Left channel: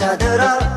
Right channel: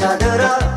Cadera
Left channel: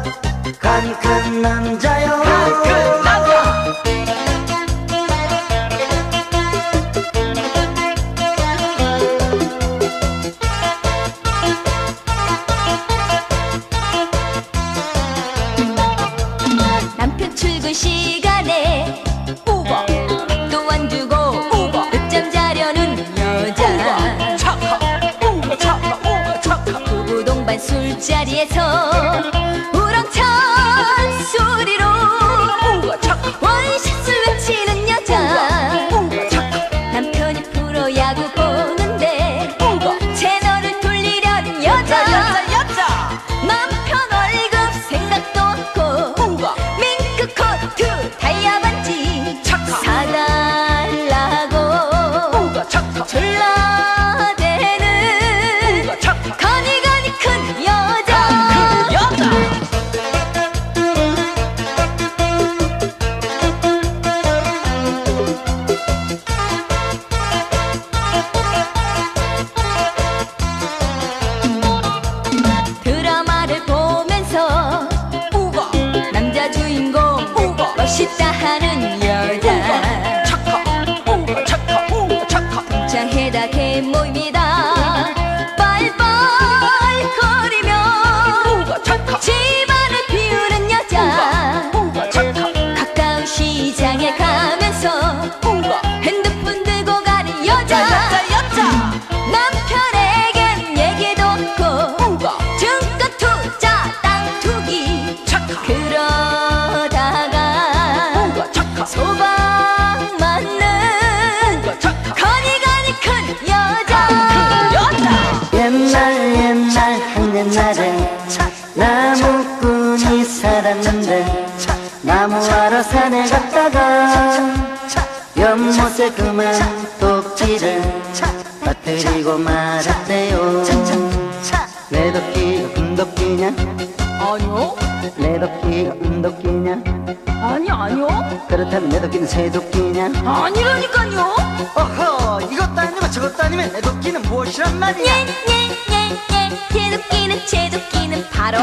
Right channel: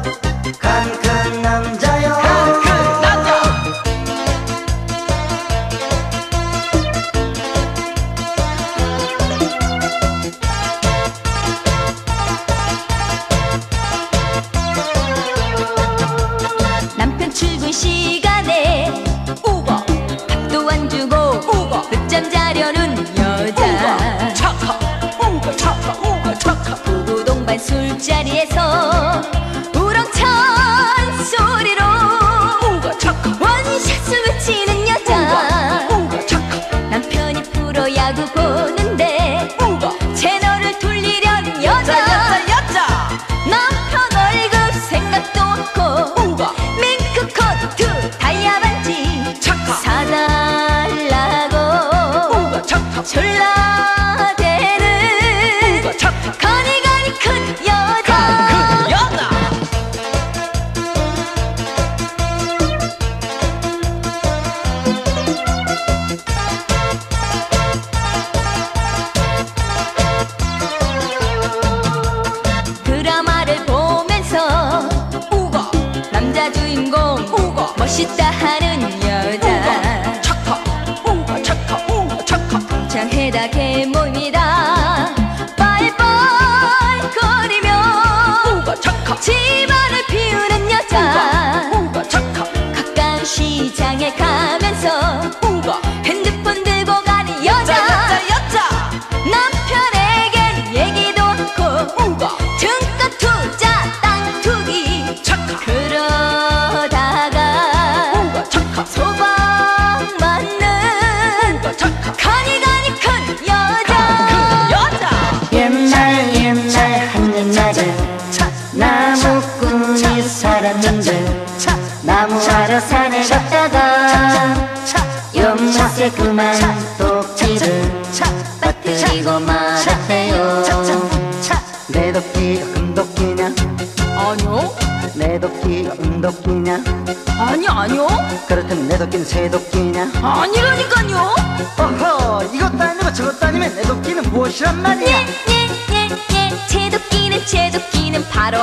것이란 말이야 네네네네 제도끼는 제도끼는 바로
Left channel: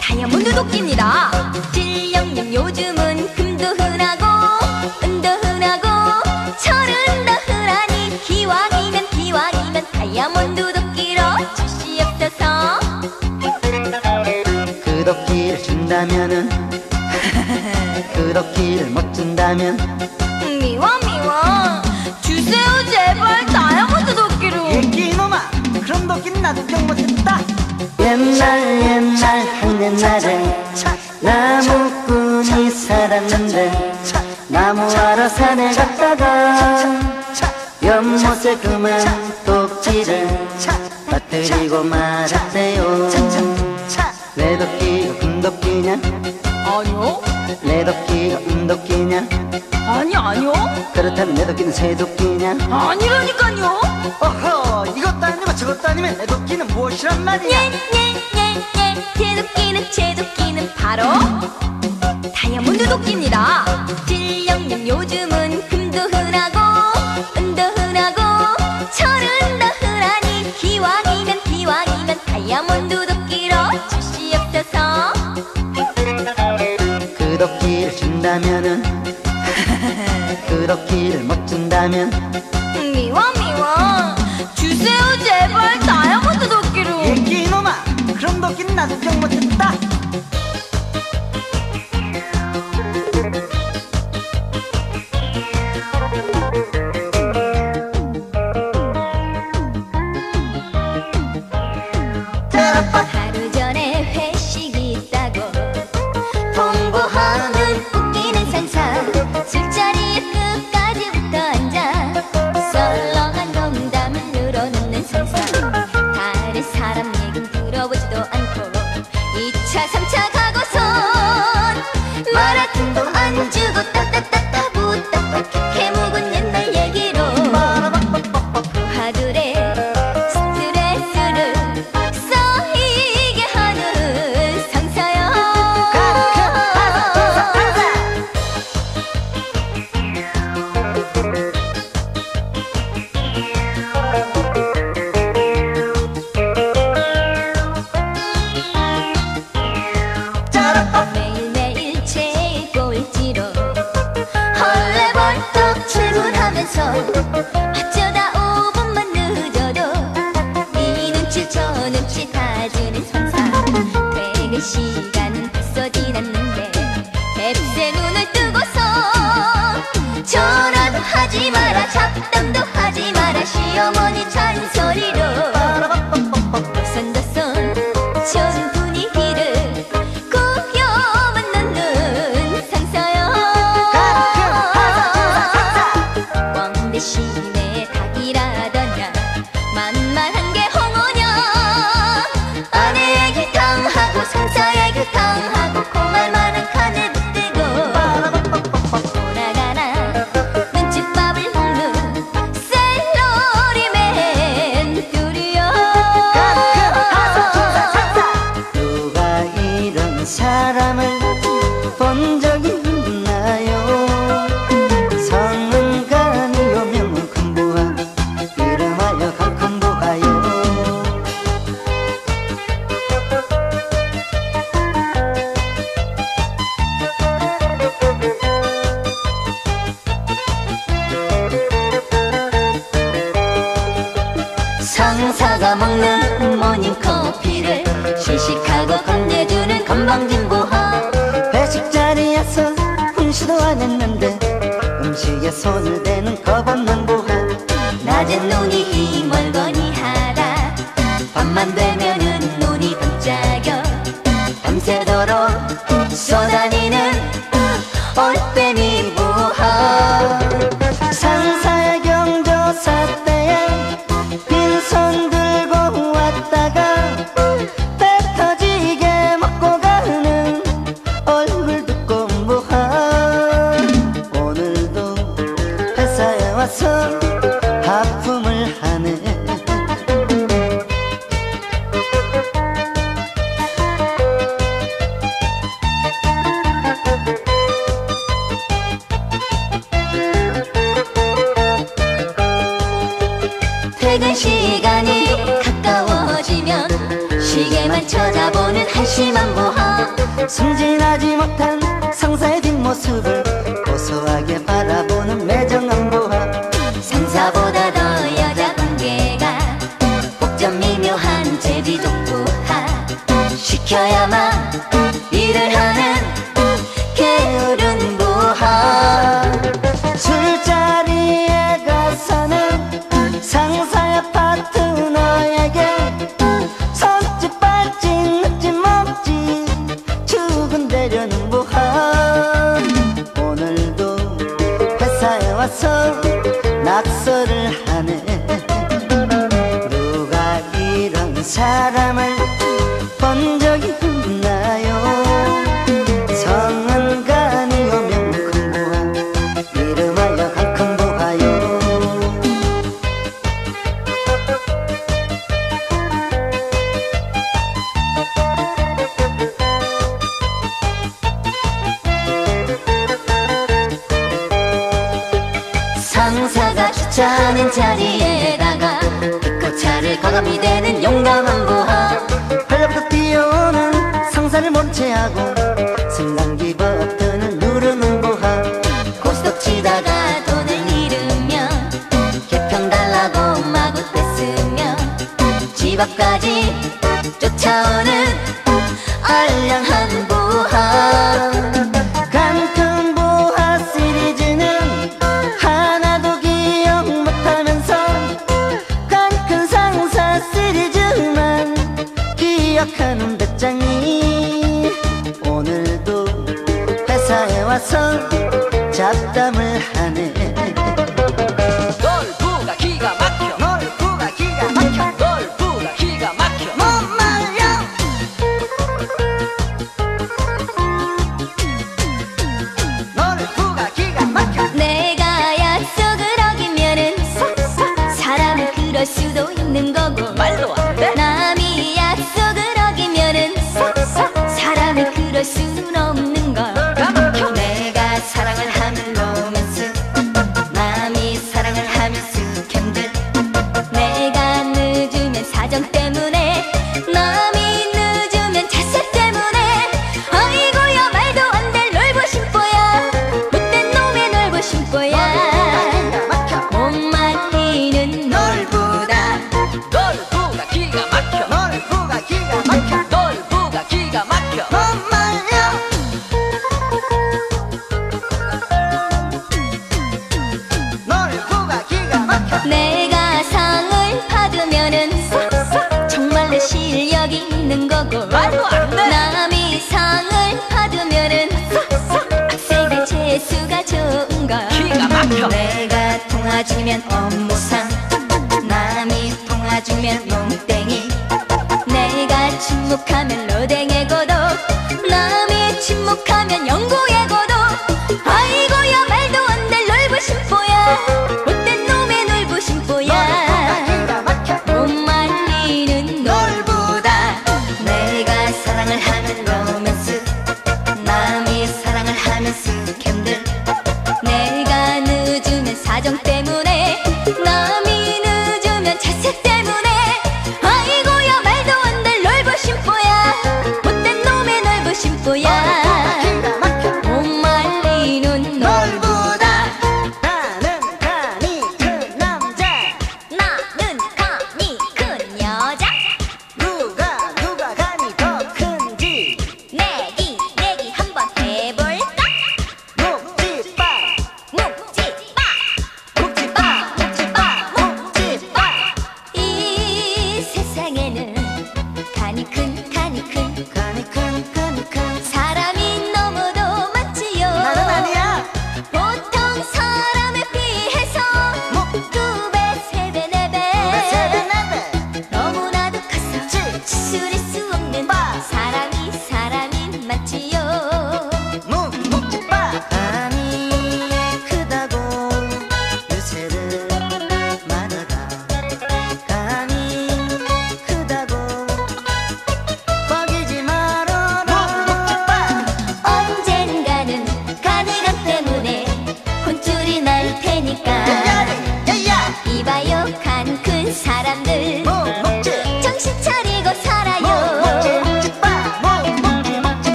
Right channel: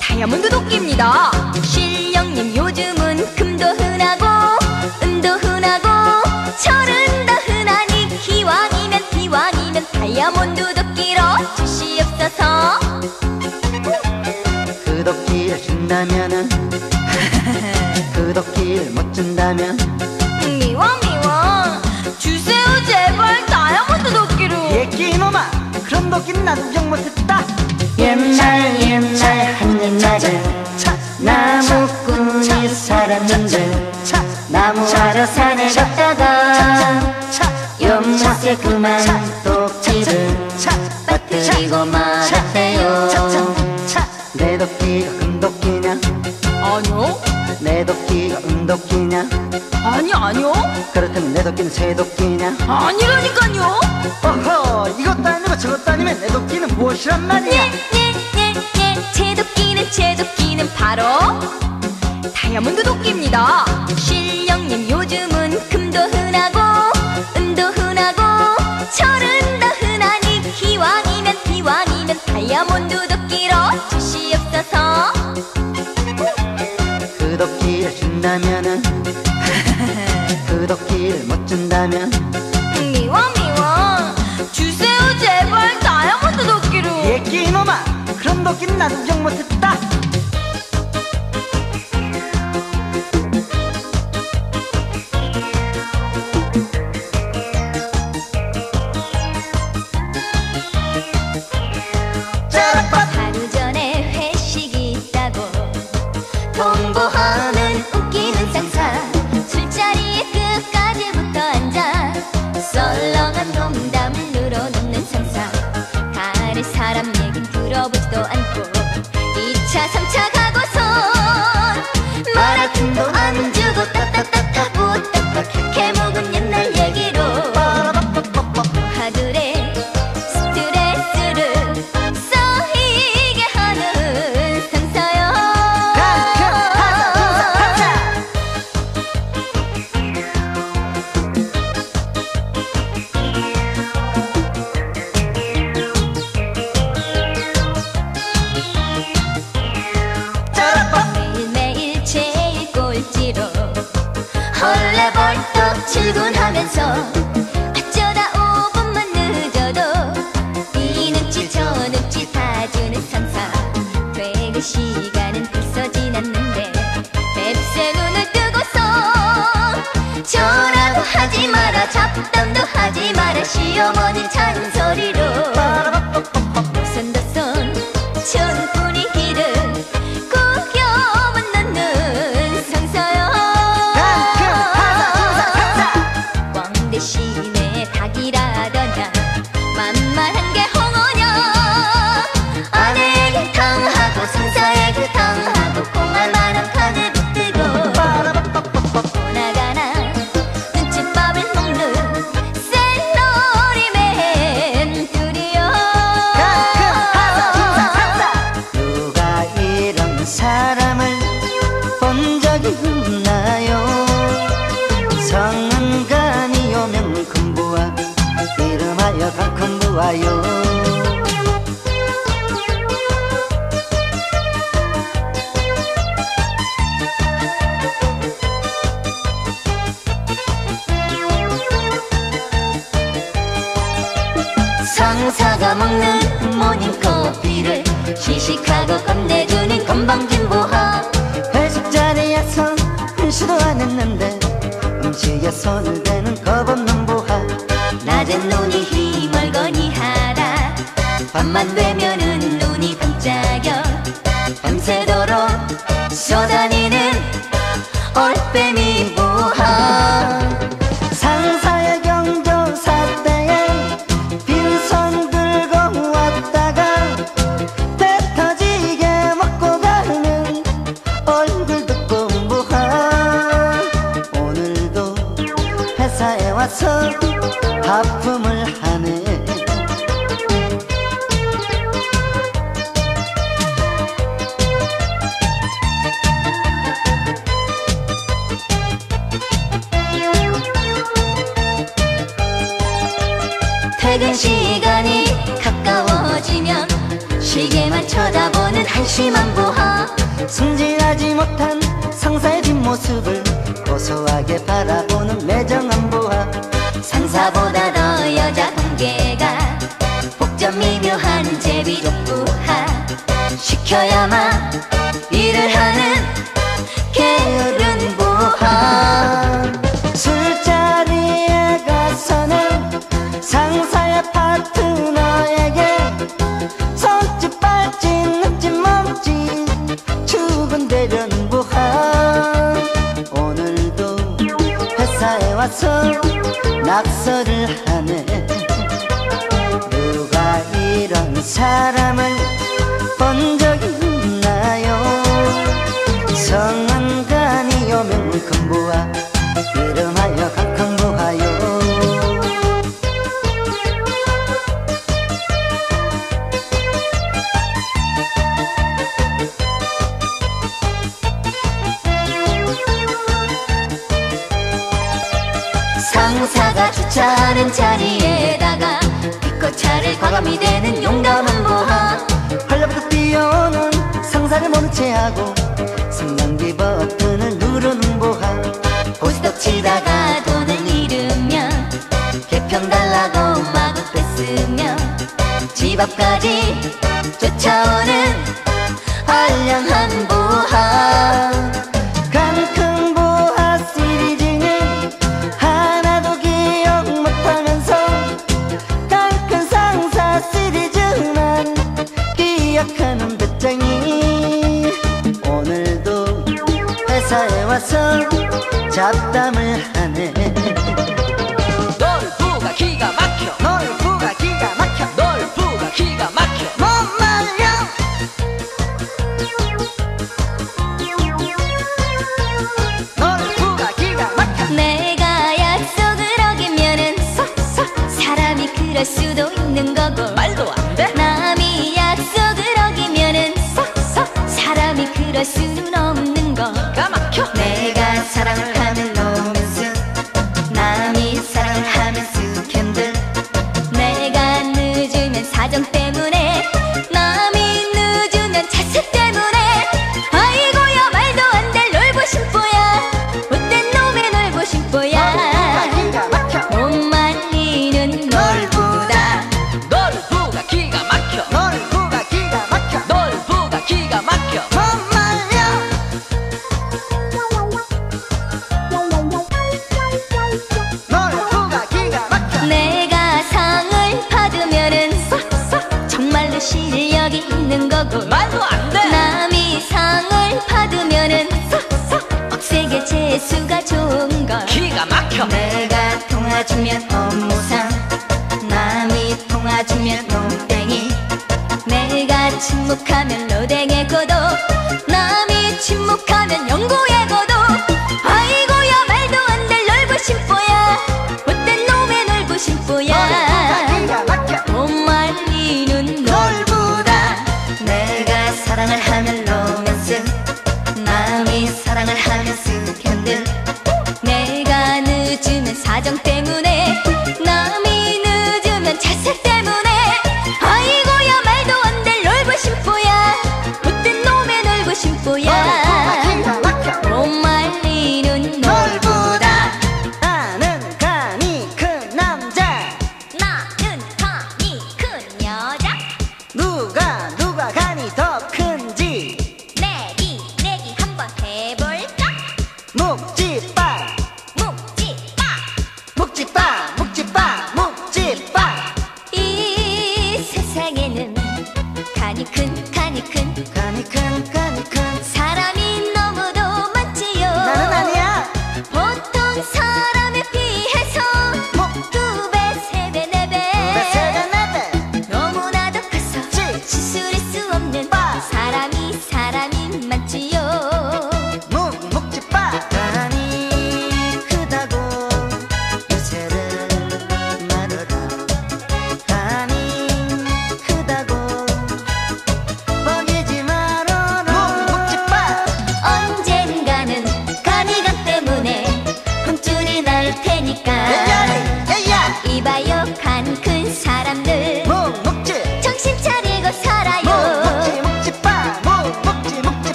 다이아몬드 도끼입니다. man. 있는 거고 말도 안돼 남이 약속.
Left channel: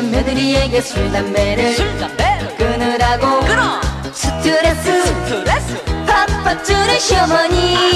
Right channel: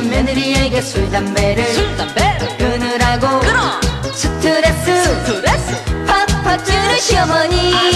있는 며느리에게 술 담배를 끊으라고. 스트레스 스트레스? 팍팍 줄이시오니.